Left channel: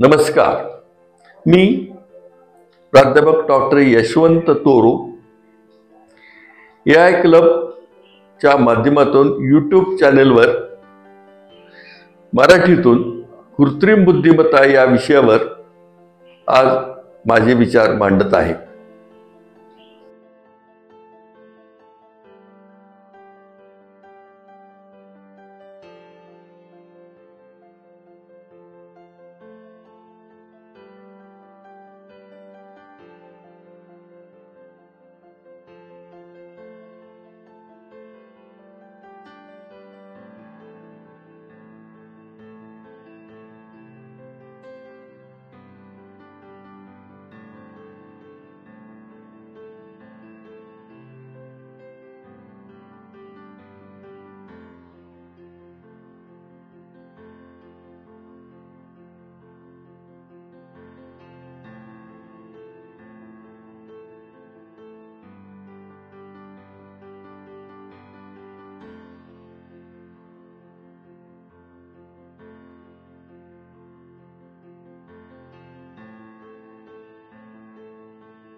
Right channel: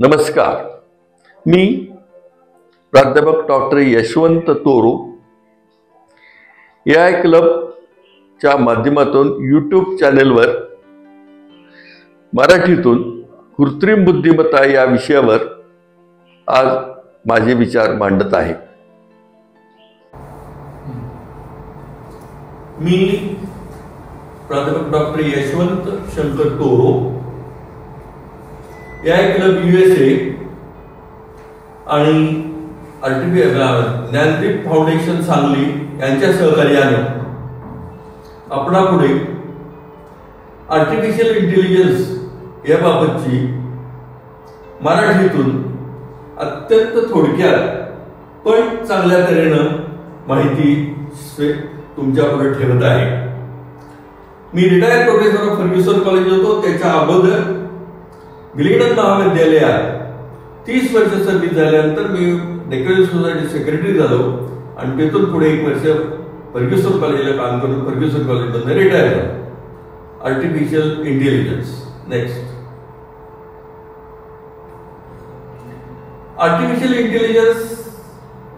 नमस्कार, मी प्राध्यापक डॉक्टर यशवंत तोरू AI क्लबच्या माध्यमातून यूट्यूब चॅनेलवर मराठीतून कृत्रिम बुद्धिमत्ता या विषयावर आज माझे विचार मांडत आहे। मी प्राध्यापक doctor Yashwant Shankar Toru AI club USA आणि ज्ञानदीप फाउंडेशन सांगली यांच्या सहकार्याने आपणापुढे आर्टिफिशियल इंटेलिजन्स याबाबतची मराठीतून अत्यंत थोडक्यात पण चांगल्या तऱ्हेनं माहिती तुमच्यापुढे ठेवत आहे। मी retired professor of Fergusson college होतो, त्याच्या अगोदर गिलिडन महाविद्यालयात 30 वर्ष सर्व्हिस झाल्यानंतर मी डेक्कन सोसायटी सेक्रेटरी झालो आणि तिथून पुढे 1 वर्ष फर्ग्युसन कॉलेजला काम करून फर्ग्युसन कॉलेजमध्ये रिटायर झालो। Artificial intelligence next. Artificial intelligence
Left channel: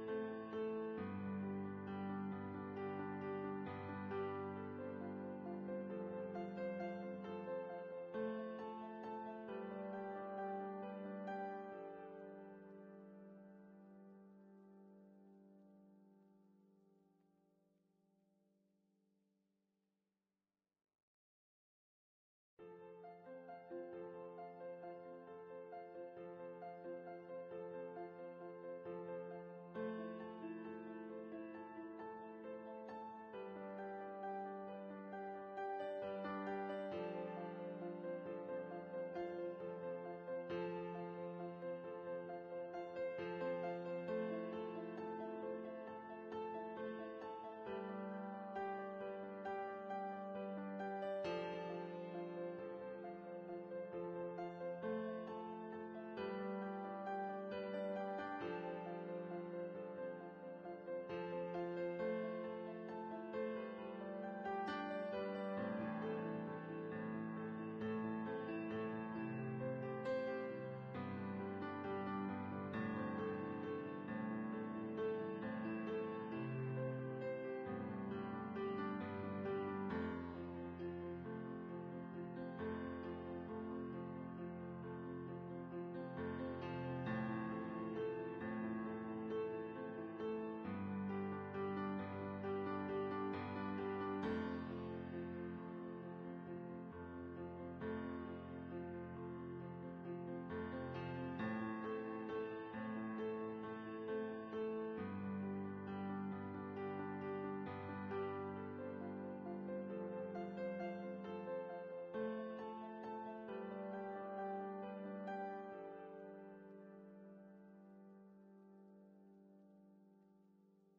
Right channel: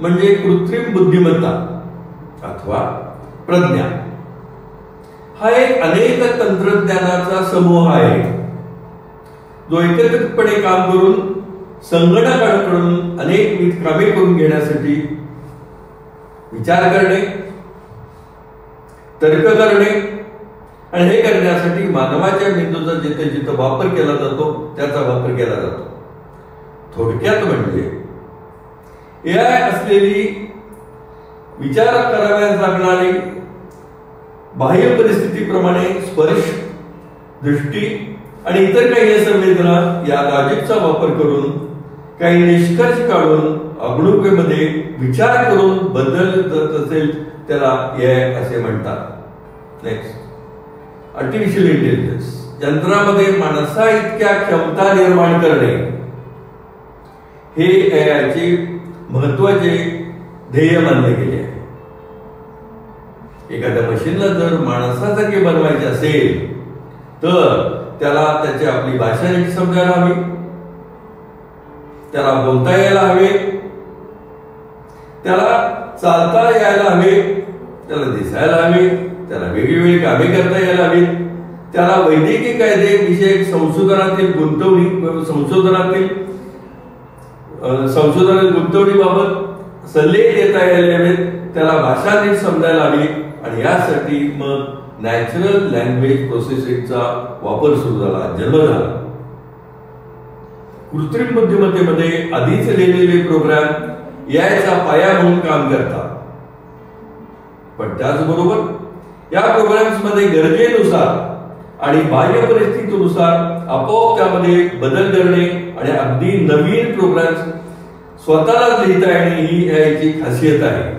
म्हणजे कृत्रिम बुद्धिमत्ता अथवा प्रज्ञा हा एक अनेक तंत्रज्ञानाचा समूह आहे जो एकत्रितपणे काम करून संगणकाकडून अनेक कामे करून घेण्यासाठी विचार करणे, तर्क करणे आणि हे करण्यासाठी मानवाच्या मेंदूचा जिथे जिथे वापर केला जातो त्याचा वापर केला जातो। थोडक्यात म्हणजे AI असलेली विचार कराव्यास लागणारी बाह्य परिस्थितीप्रमाणे स्पर्श, दृष्टी आणि इतर काही संवेदना या लॉजिकचा वापर करून काही निष्कर्ष काढून अवलोकनामध्ये विचार करून बदल करत असेल त्याला AI असे म्हणतात। नेक्स्ट, आर्टिफिशियल इंटेलिजन्स यंत्रामध्ये माणसा इतक्या क्षमता निर्माण करणे हे AI चे महत्त्वाचे ध्येय मानले गेले आहे। एखाद्या मशीनला जर माणसासारखे बनवायचे असेल तर त्याला त्याची आपली भाषा नीट समजायला हवी, त्याला बोलता यायला हवे, त्याला चालता यायला हवे, त्याला दिसायला हवे, त्याला वेगवेगळी कामे करता यायला हवी, त्याला वैद्यकीय कायदे विषयक संशोधनातील गुंतवणुकीबाबत सल्ले देता यायला हवेत, त्याला भाषा नीट समजायला हवी आणि यासाठी मग नॅचरल लँग्वेज प्रोसेसिंगचा वापर सुरू झाला, जन्म झाला। कृत्रिम बुद्धिमत्तेमध्ये आधीच लिहिलेले प्रोग्राम याचा पाया म्हणून काम करतात, पण त्याचबरोबर या प्रोग्राम्स मध्ये गरजेनुसार आणि बाह्य परिस्थितीनुसार आपोआप त्यामध्ये बदल करणे आणि अगदी नवीन प्रोग्राम्स स्वतःलाच लिहिता येणे ही याची खासियत आहे।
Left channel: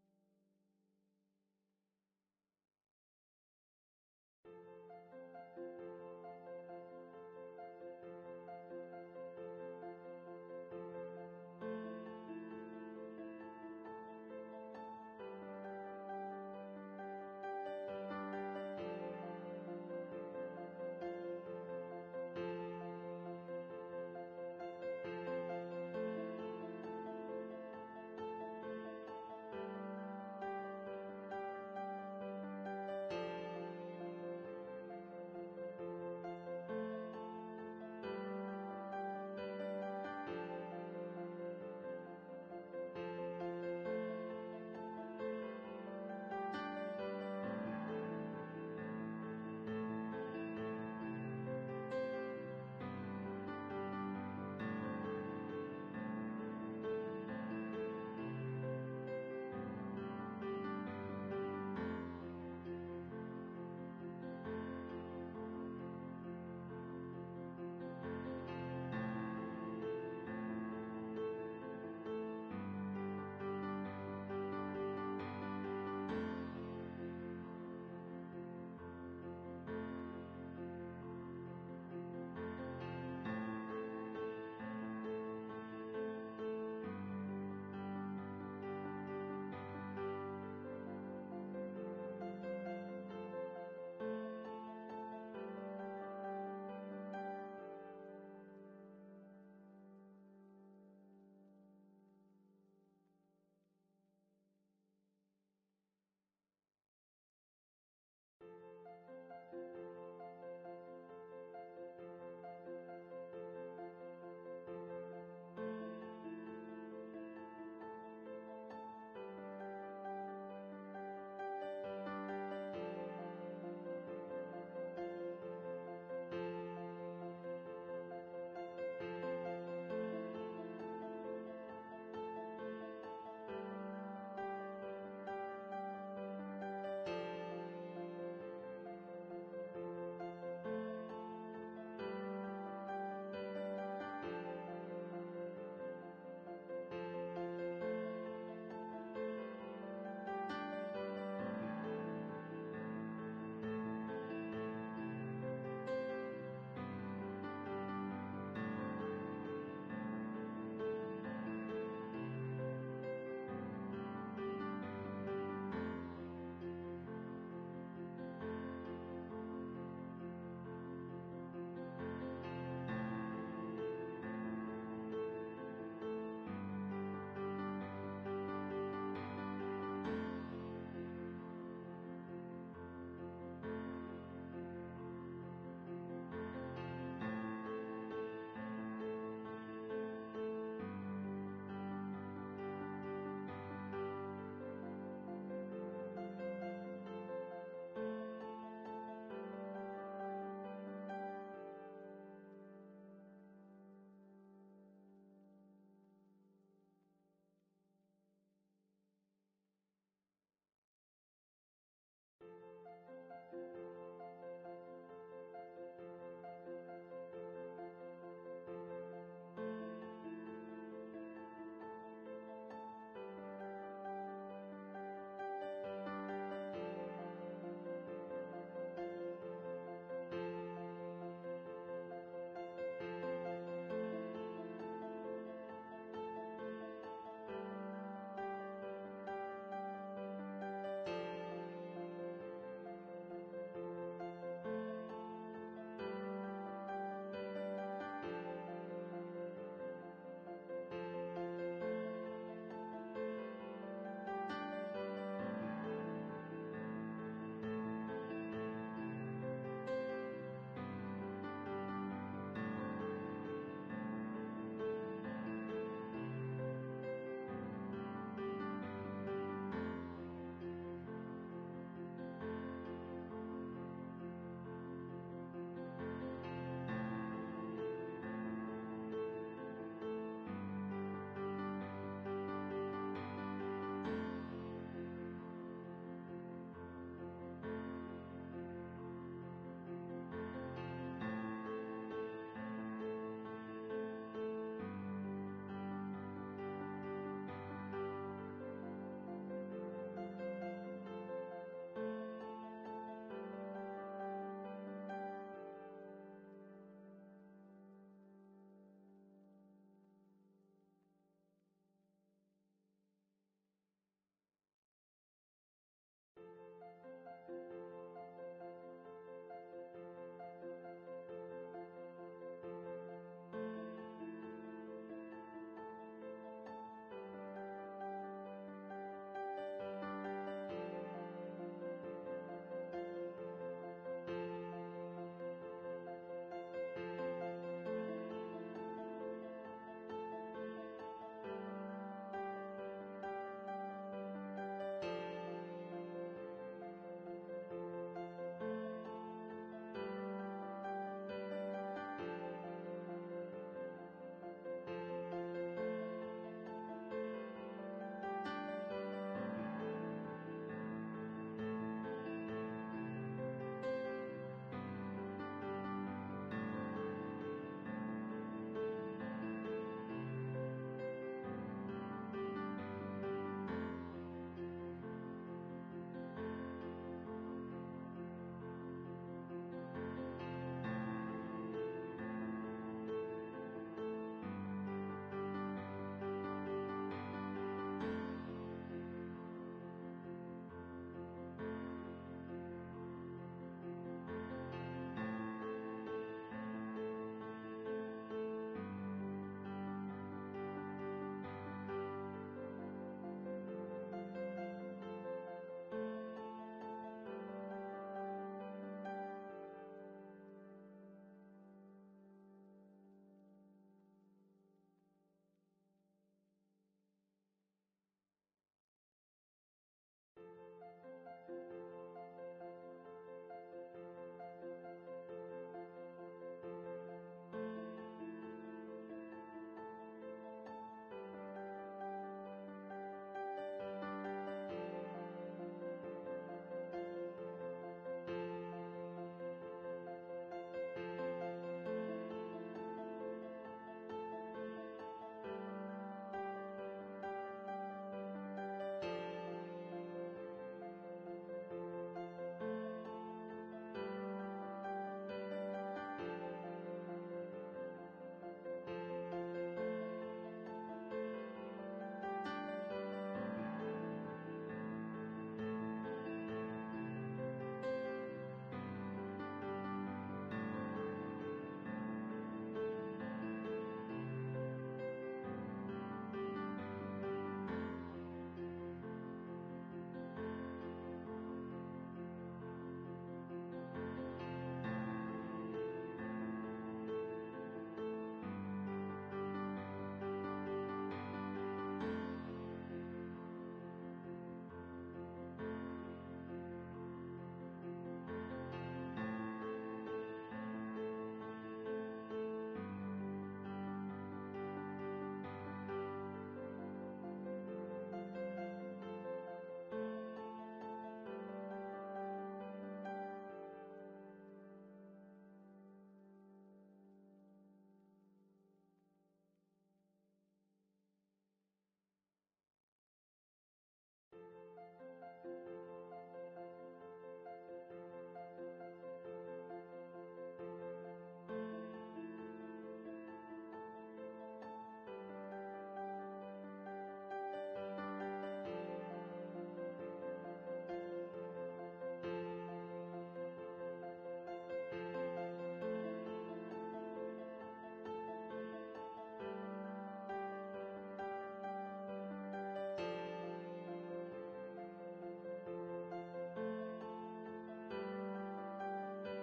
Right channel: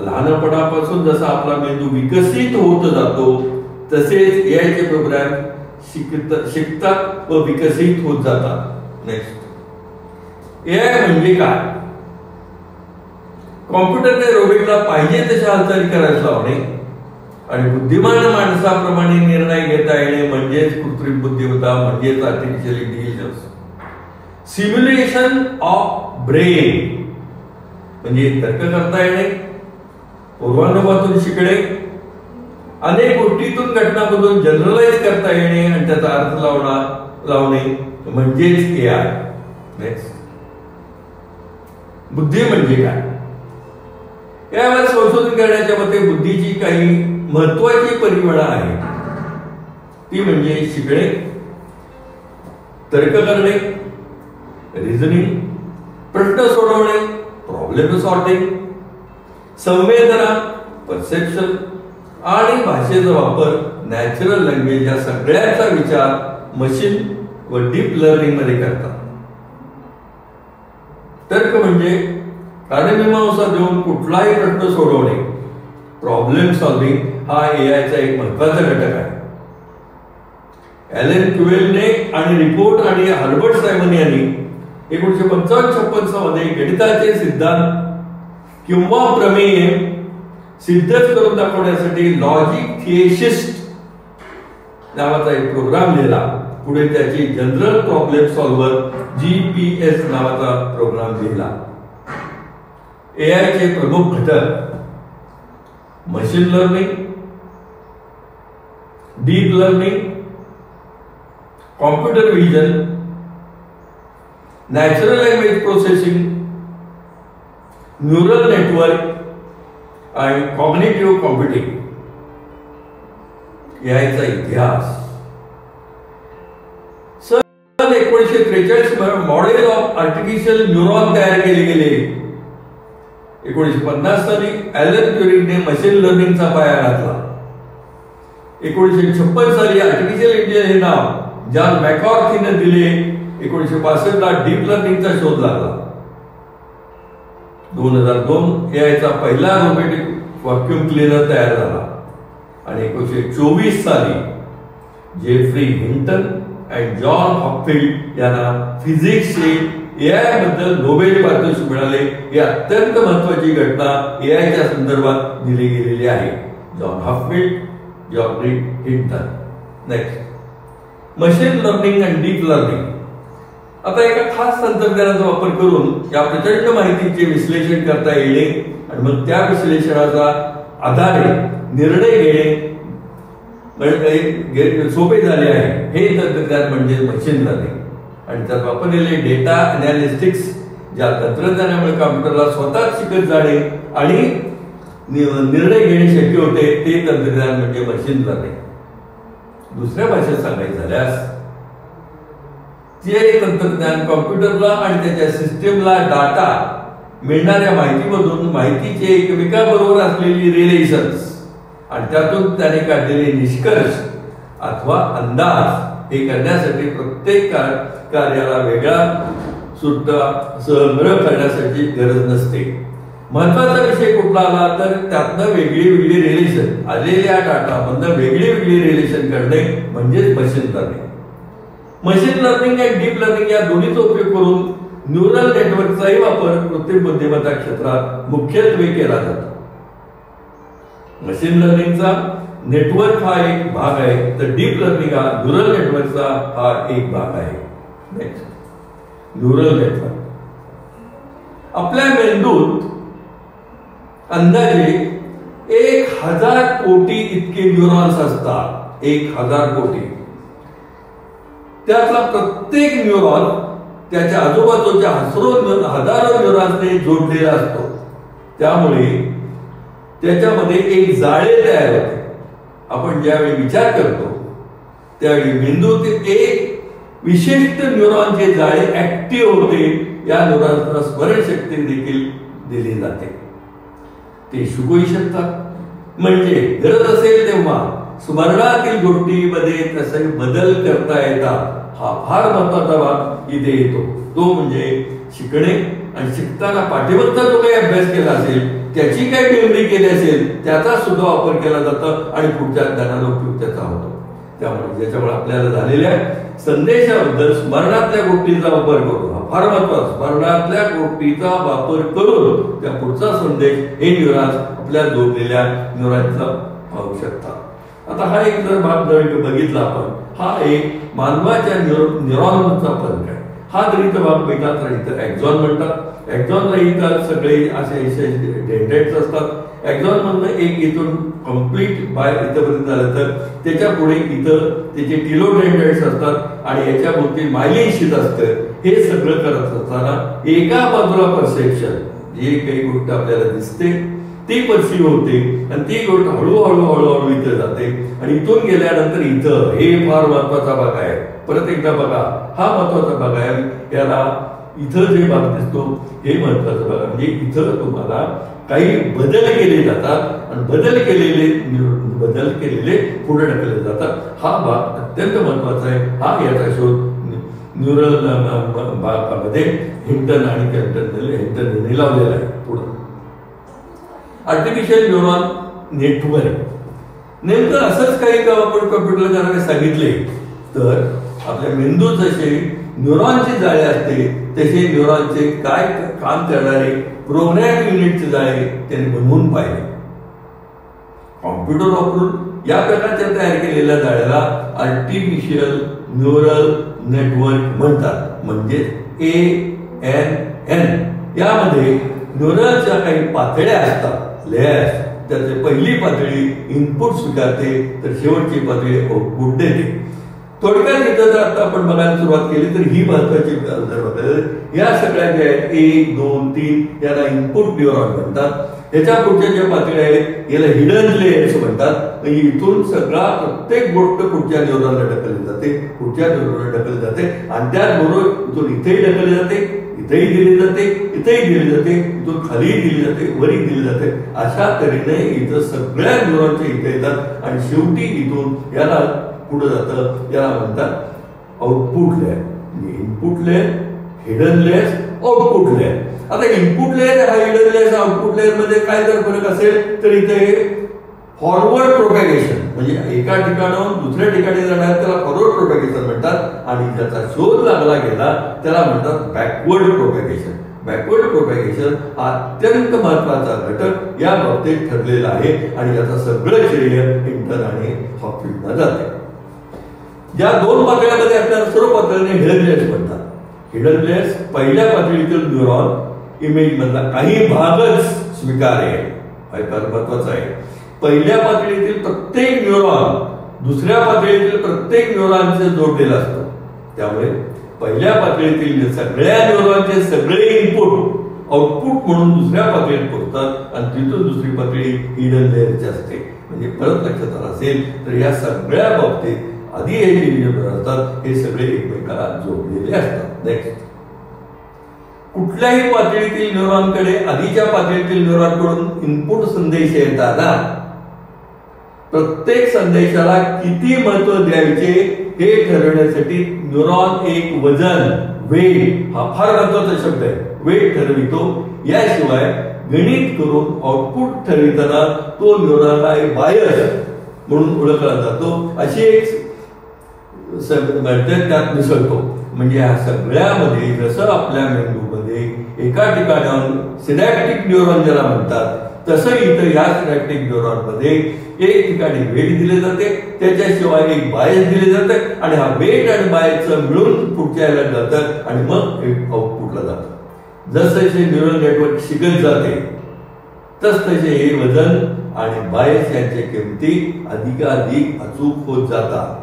लहानपणापासून जसा आपला मेंदू विकसित होत जातो तसेच AI चे प्रोग्राम शिकतात व विकसित होत जातात। नेक्स्ट, AI म्हणजे काय? कॉम्प्युटरने रोबोटला पाहिजे तशा हालचाली करायला लावणे आणि बुद्धिमान माणसाप्रमाणे निर्णय घेता येणे म्हणजेच कृत्रिम बुद्धिमत्ता, म्हणजेच artificial intelligence. Simulation of brain म्हणजे तर्क करता येणे, पूर्वानुभवातून शिकणे, अनेक गोष्टीतून घटनांमधून जनरलाइज करता येणे आणि त्याचा अर्थ लावणे म्हणजेच AI। नेक्स्ट, बुद्धी म्हणजे काय? यावर संशोधन करण्याच्या मते बुद्धीची काही महत्वाची परिमाणं आहेत, ती म्हणजे शिकणे, तर्क करणे, रिझनिंग, प्रश्न सोडवणे, प्रॉब्लेम सॉल्व्हिंग, संवेदना, परसेप्शन आणि भाषेचा वापर, नॅचरल लँग्वेज या सगळ्याचा विचार मशीन व डीप लर्निंग मध्ये करतात। तर्क म्हणजे कार्यमीमांसा देऊन कुठलाही प्रश्न सोडवणे, प्रॉब्लेम सॉल्व्हिंग हा AI चा एक महत्त्वाचा घटक आहे। ॲलन ट्युरेलने आणि रिपोर्ट आणि हर्बर्ट सायमन यांनी 1955-56 मध्ये गणिताचे सिद्धांत किंवा प्रमेय सिद्ध करून दाखवण्यासाठी लॉजिक थिएसिस्ट नावाचा एक प्रोग्राम लिहिला। पुढे त्याची जनरल प्रॉब्लेम सॉल्व्हर GPS नावाचा प्रोग्राम लिहिला. AI चे प्रमुख घटक machine learning, deep learning, computer vision, natural language processing, neural network आणि कॉग्निटिव्ह कॉम्प्युटिंग. याचा इतिहास 1943 मॉडेल ऑफ आर्टिफिशियल न्यूरॉन तयार केले गेले. 1950 साली ॲलन ट्युरिंगने मशीन लर्निंगचा पाया घातला. 1956 साली आर्टिफिशियल इंटेलिजन्स हे नाव जॉन मॅकॉर्थीने दिले. 1965 ला डीप लर्निंगचा शोध लागला. 2002 एआयचा पहिला रोबोटिक व्हॅक्यूम क्लीनर तयार झाला आणि 1924 साली जेफ्री हिंटन आणि जॉन हॉपफिल्ड यांना फिजिक्सचे एआय बद्दल नोबेल पारितोषिक मिळाले. ही अत्यंत महत्वाची घटना एआयच्या संदर्भात दिली गेलेली आहे. John Hopfield, Geoffrey Hinton. Next, machine learning आणि डीप लर्निंग. आता एका खास तंत्रज्ञानाचा वापर करून या प्रचंड माहितीचे विश्लेषण करता येणे आणि मग त्या विश्लेषणाचा आधारे निर्णय घेणे सोपे झाले आहे. हे तंत्रज्ञान म्हणजे मशीन लर्निंग. आणि त्यात वापरलेले डेटा अनालिस्टिक्स ज्या तंत्रज्ञानामुळे कॉम्प्युटरला स्वतःच शिकत जाणे आणि निर्णय घेणे शक्य होते ते तंत्रज्ञान म्हणजे मशीन लर्निंग. दुसऱ्या भाषेत सांगायचं झाल्यास जे तंत्रज्ञान कॉम्प्युटरला आणि त्याच्या सिस्टीमला डाटा मिळणाऱ्या माहितीमधून माहितीचे एकमेकांबरोबर असलेली रिलेशन्स आणि त्यातून त्याने काढलेले निष्कर्ष अथवा अंदाज हे करण्यासाठी प्रत्येक कार्याला वेगळा सुद्धा संग्रह करण्यासाठी गरज नसते. महत्वाचा विषय कुठला आला तर त्यातनं वेगळी वेगळी रिलेशन आलेल्या डाटामधनं वेगळी वेगळी रिलेशन करणे म्हणजेच मशीन लर्निंग. मशीन लर्निंग आणि डीप लर्निंग या दोन्हीचा उपयोग करून न्यूरल नेटवर्कचाही वापर कृत्रिम बुद्धिमत्ता क्षेत्रात मुख्यत्वे केला जातो. मशीन लर्निंगचा नेटवर्क हा एक भाग आहे तर डीप लर्निंग हा न्यूरल नेटवर्कचा हा एक भाग आहे. Next, neural network. आपल्या मेंदूत अंदाजे 1000 कोटी इतके न्यूरॉन्स असतात. 1000 कोटी. त्यातला प्रत्येक न्यूरॉन त्याच्या आजूबाजूच्या हजारो न्यूरॉन्सने जोडलेला असतो. त्यामुळे त्याच्यामध्ये एक जाळे तयार होते. आपण ज्यावेळी विचार करतो त्यावेळी मेंदूतील एक विशिष्ट न्यूरॉनचे जाळे ऍक्टिव्ह होते. या न्यूरॉन्सना स्मरणशक्ती देखील दिली जाते. ते शिकूही शकतात. म्हणजे गरज असेल तेव्हा स्मरणातील गोष्टीमध्ये तसे बदल करता येतात. हा फार महत्वाचा भाग इथे येतो. तो म्हणजे शिकणे आणि शिकताना पाठीमागचा जो काही अभ्यास केला असेल त्याची काही मेमरी केली असेल त्याचा सुद्धा वापर केला जातो आणि पुढच्या ज्ञानाला उपयोग त्याचा होतो. त्याच्यामुळे आपल्याला झालेल्या संदेशाबद्दल स्मरणातल्या गोष्टीचा वापर करून हा फार महत्वाचा. स्मरणातल्या गोष्टीचा वापर करून त्या पुढचा संदेश हे न्यूरॉन्स आपल्या जोडलेल्या न्यूरॉन्सला पाहू शकतात. आता हा एक जर भाग जर बघितला आपण हा एक मानवाच्या न्यूरॉनचा फरक आहे. हा जर इथं भाग बघितला तर इथं एक्झॉन म्हणतात. एक्झॉनला इथं सगळे असे डेंड्राइट्स असतात. एक्झॉन मधनं एक इथून कम्प्लीट बाय इथपर्यंत झालं तर त्याच्या पुढे इथं त्याचे टिलोडेंड्राइट्स असतात आणि याच्या भोवती मायलिन शीथ असतं. हे सगळं करत असताना एका बाजूला परसेप्शन जी काही गोष्ट आपल्याला दिसते ती परसीव्ह होते आणि ती गोष्ट हळूहळू हळूहळू इथं जाते आणि इथून गेल्यानंतर इथं हे फार महत्वाचा भाग आहे. परत एकदा बघा हा महत्वाचा भाग आहे. याला इथं जे भाग दिसतो हे महत्वाचा भाग म्हणजे इथं तुम्हाला काही बदल केले जातात आणि बदल केलेले पुढे ढकलले जातात. हा भाग अत्यंत महत्वाचा आहे. हा याचा शोध न्यूरल भागामध्ये हिंटन आणि हिंटन लावलेला आहे. पुढे आर्टिफिशियल न्यूरॉन नेटवर्क. नेमकं असंच काही काम आपण कॉम्प्युटरला करायला सांगितले तर आपल्या मेंदूत जसे न्यूरॉनचे जाळे असते तसे न्यूरॉनचे काय काम करणारे प्रोग्रॅम युनिटचे जाळे त्यांनी बनवून पाहिले. कॉम्प्युटर वापरून या प्रकारच्या तयार केलेल्या जाळ्याला आर्टिफिशियल न्यूरल नेटवर्क म्हणतात, म्हणजे ANN. यामध्ये न्यूरलच्या काही पातळ्या असतात, लेयर्स. त्यातली पहिली पातळी इनपुट स्वीकारते, तर शेवटची पातळी आउटपुट देते. थोडक्यात इथं जर आता आपण बघायला सुरुवात केली तर ही महत्वाची जर बघायला, या सगळ्या ज्या आहेत 1, 2, 3 याला इनपुट न्यूरॉन म्हणतात. ह्याच्या पुढच्या ज्या पातळ्या आहेत याला हिडन लेयर्स म्हणतात. म्हणजे इथून सगळा प्रत्येक गोष्ट पुढच्या न्यूरॉनला ढकलली जाते, पुढच्या न्यूरॉनला ढकलली जाते, आणि त्याचबरोबर इथून इथेही ढकलली जाते, इथेही दिली जाते, इथेही दिली जाते, इथून खालीही दिली जाते, वरही दिली जाते. अशा तऱ्हेने इथं सगळ्या न्यूरॉनच्या इथे येतात आणि शेवटी इथून याला पुढे जातं, याला म्हणतात output layer. Input layer, hidden layers, output layer. आता इनपुट लेअर हा हिडन लेअर आउटपुट लेअर मध्ये काय जर फरक असेल तर इथे फॉरवर्ड प्रोपॅगेशन, म्हणजे एका ठिकाणाहून दुसऱ्या ठिकाणी जाणार त्याला फॉरवर्ड प्रोपॅगेशन म्हणतात, आणि ज्याचा शोध लागला गेला त्याला म्हणतात बॅकवर्ड प्रोपॅगेशन. बॅकवर्ड प्रोपॅगेशन हा अत्यंत महत्वाचा घटक या बाबतीत ठरलेला आहे, आणि याचा सगळं श्रेय इंटन आणि हॉपकिन्सना जाते. या दोन पातळ्यामध्ये आपल्याला सर्व पातळीने हिडन लेयर्स म्हणतात. हिडन लेयर्स पहिल्या पातळीतील न्यूरॉन इमेज मधला काही भागच स्वीकार्य आहे, फार महत्वाचा आहे. पहिल्या पातळीतील प्रत्येक न्यूरॉन दुसऱ्या पातळीतील प्रत्येक न्यूरॉनशी जोडलेला असतो. त्यामुळे पहिल्या पातळीतील सगळ्या न्यूरॉनचे सगळे इनपुट आउटपुट म्हणून दुसऱ्या पातळीत पोहोचतात, आणि तिथून दुसरी पातळी हिडन लेयरची असते. म्हणजे परत लक्षात आलं असेल तर या सगळ्या बाबतीत आधी हे जे न्यूरॉन असतात हे सगळे एकमेकाला जोडलेले असतात. नेक्स्ट, कुठल्याही पातळीतील न्यूरॉनकडे आधीच्या पातळीतील न्यूरॉनकडून इनपुट संदेश येताना प्रत्येक संदेशाला किती महत्व द्यायचे हे ठरवण्यासाठी न्यूरॉन एक वजन, वेट, हा फार महत्वाचा शब्द आहे, वेट ठरवितो. याशिवाय गणित करून आउटपुट ठरविताना तो न्यूरॉनला एक बायस म्हणून ओळखला जातो, अशी एक त्यात मिसळतो. म्हणजे या सगळ्यामध्ये जसं आपल्या मेंदूमध्ये एका ठिकाणाहून सिनॅप्टिक न्यूरॉन ज्याला म्हणतात, तसं इथं या सिनॅप्टिक न्यूरॉन मध्ये एक ठिकाणी वेट दिले जाते, त्याच्याशिवाय एक बायस दिले जाते, आणि हा वेट आणि बायसचं मिळून पुढच्या याला जातात आणि मग एक आउटपुटला जातं. जसं न्यूरल नेटवर्क शिकत जाते तसतसे हे वजन आणि बायस यांच्या किमती अधिकाधिक अचूक होत जातात.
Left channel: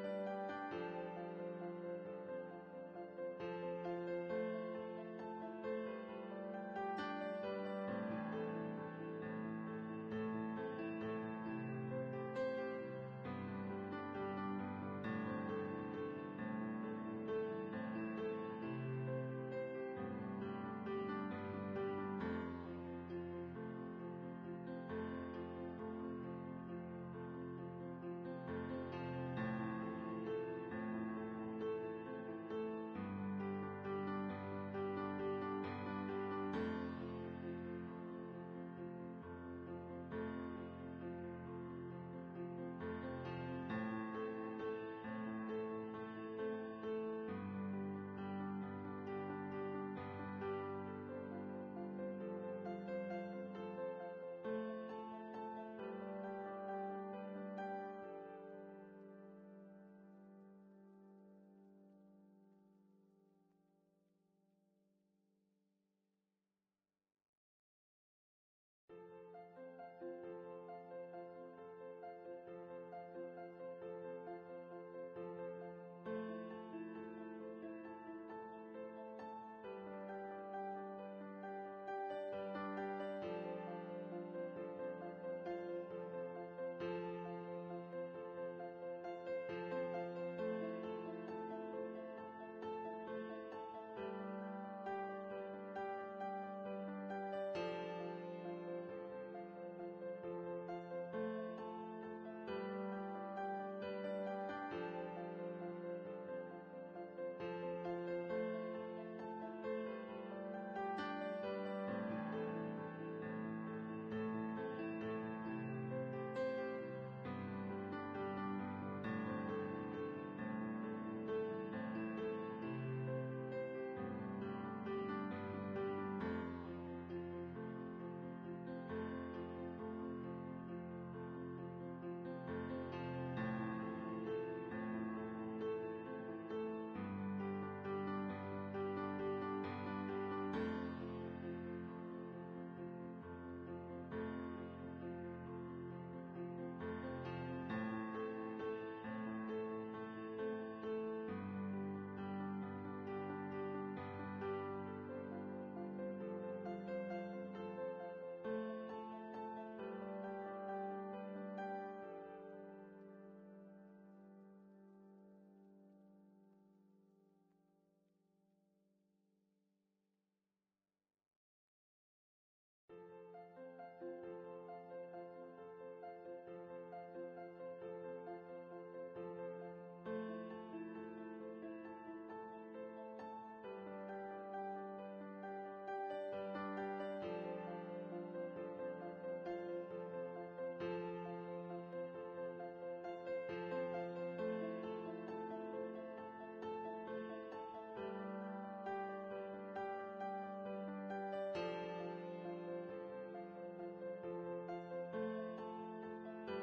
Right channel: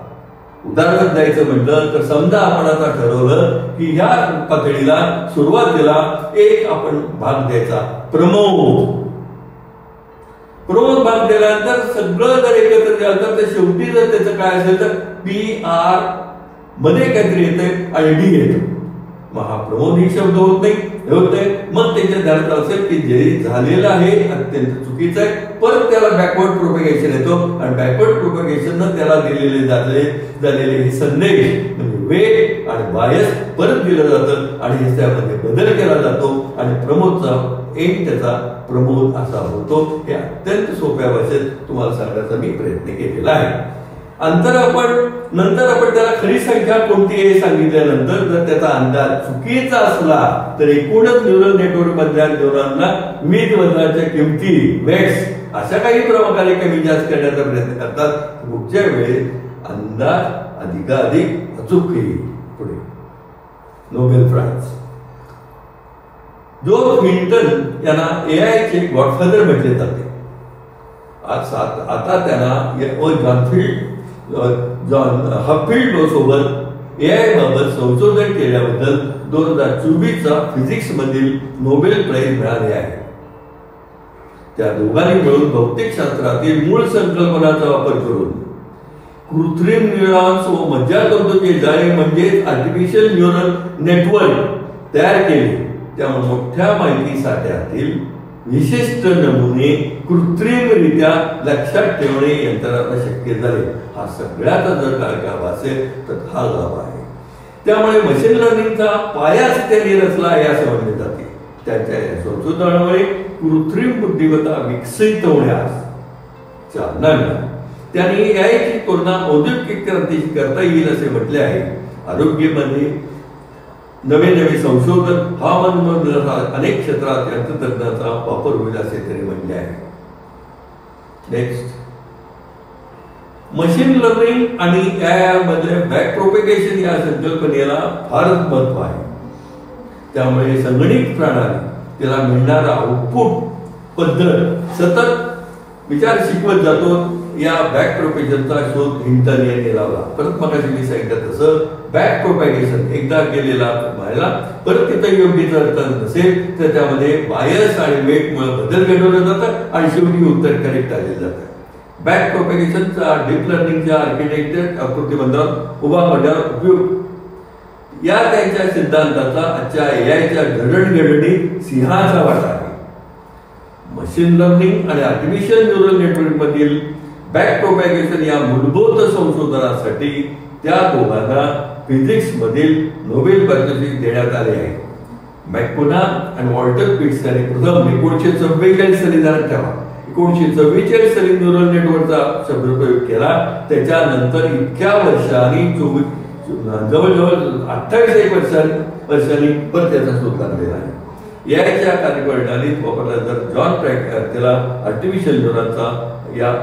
उदाहरण द्यायचं म्हटलं तर समजा आपण आता ठरवलं की ह्या पातळीला सुरुवातीला एक आपण भाग द्यायचा प्रमोद. प्रमोद भाग दिल्यानंतर सगळं जर एकत्र केलं तर शेवटी जर त्याचं काय असेल तर PR मध्ये काहीतरी येते आणि D येतं. मग हा प्रमोद ही शब्द होत नाही, मग त्याच्या ध्यानात असेल की जे झालेलं आहे अत्यंत चुकीचं आहे, परत त्याला बॅकवर्ड प्रोपॅगेशन येतो, आणि बॅकवर्ड प्रोपॅगेशन त्याला दिलेले झालेले हे संदेश म्हणजे वेट आणि बायस परत दिलं जातं, आणि त्यामध्ये बदल केला जातो, आणि प्रमोदचा एक त्याचा प्रमोद असा होतो. हे अत्यंत सोप्या भाषेत तुम्हाला सांगण्याचा मी प्रयत्न केलेला आहे. नंतर आपण त्याला खरी संख्या कोणती आहे सांगितल्यानंतर जर त्याचा अंदाज चुकीचा असला तर एकूणच न्यूरल नेटवर्क मधल्या न्यूरॉनला विविध वजनाच्या किमती, वेट्स अशा काही प्रकारे कमी जास्त करण्याचा प्रयत्न करतात. पुढच्या वेळेस अंदाज अधिकाधिक अचूक येईल. पुढे नोबेल प्राइज. जॉर्ज विंटन यांना AI चे गॉडफादर म्हटले जाते. आता त्यांना जॉन हफिल्ड सोबत AI बाबत संशोधन केल्याबद्दल 2024चा फिजिक्स मधील नोबेल प्राइज मिळाले आहे. त्या दोघांनी मिळून भौतिकशास्त्रातील मूळ संकल्पनाचा वापर करून कृत्रिम न्यूरॉन्स व मज्जातंतूचे जाळे म्हणजे आर्टिफिशियल न्यूरल नेटवर्क तयार केले. त्यामुळे मोठ्या माहिती साठ्यातील विशिष्ट नमुने कृत्रिमरित्या लक्षात ठेवणे यंत्रणा शक्य झाले. हा सगळ्यात जर काय गाभ असेल तर हा गाभ आहे. त्यामुळे मशीन लर्निंगचा पायाच त्यांनी रचला आहे असे म्हणले जाते. त्यांच्या या संशोधनामुळे कृत्रिम बुद्धिमत्ता विकसित होण्यास चालना मिळाली. त्यांनी याची तुलना औद्योगिक क्रांतीशी करता येईल असे म्हटले आहे. आरोग्यामध्ये नवे नवे संशोधन, हवामान अनेक क्षेत्रात तंत्रज्ञानाचा वापर होईल असे त्यांनी म्हटले आहे. नेक्स्ट, मशीन लर्निंग आणि यामध्ये बॅक प्रोपेगेशन या संकल्पनेला फारच महत्व आहे. त्यामुळे संगणित प्रणाली त्याला मिळणारा आउटपुट पद्धत सतत विचार शिकवत जातो. या बॅक प्रोपेगेशनचा शोध हिंटन यांनी लावला. परत मगाशी मी सांगितलं तसं बॅक प्रोपेगेशन एकदा केलेला व्हायला परत तिथं योग्य जर नसेल तर त्यामध्ये बायस आणि वेटमुळे बदल घडवलं जातं आणि शेवटी उत्तर करेक्ट आले जातं. बॅक प्रोपेगेशनचा डीप लर्निंगच्या आर्किटेक्चर आकृतीबंधात उभा करण्यावर उपयोग या त्यांच्या सिद्धांताचा आजच्या एआयच्या जडणघडणीत सिंहाचा वाटा आहे. मशीन लर्निंग आणि आर्टिफिशियल न्यूरल नेटवर्क मधील बॅक प्रोपॅगेशन या मूलभूत संशोधनासाठी त्या दोघांना फिजिक्स मधील नोबेल पारितोषिक देण्यात आले आहे. मॅकपुना आणि वॉल्टर पिट्स यांनी प्रथम 1944 साली ध्यानात ठेवा 1944 साली न्यूरल नेटवर्कचा शब्दप्रयोग केला. त्याच्यानंतर इतक्या वर्षांनी जवळजवळ 28 वर्षांनी परत त्याचा शोध लागलेला आहे. याच्या कार्यप्रणालीत वापरला जर जॉन ट्रॅक त्याला आर्टिफिशियल न्यूरॉनचा या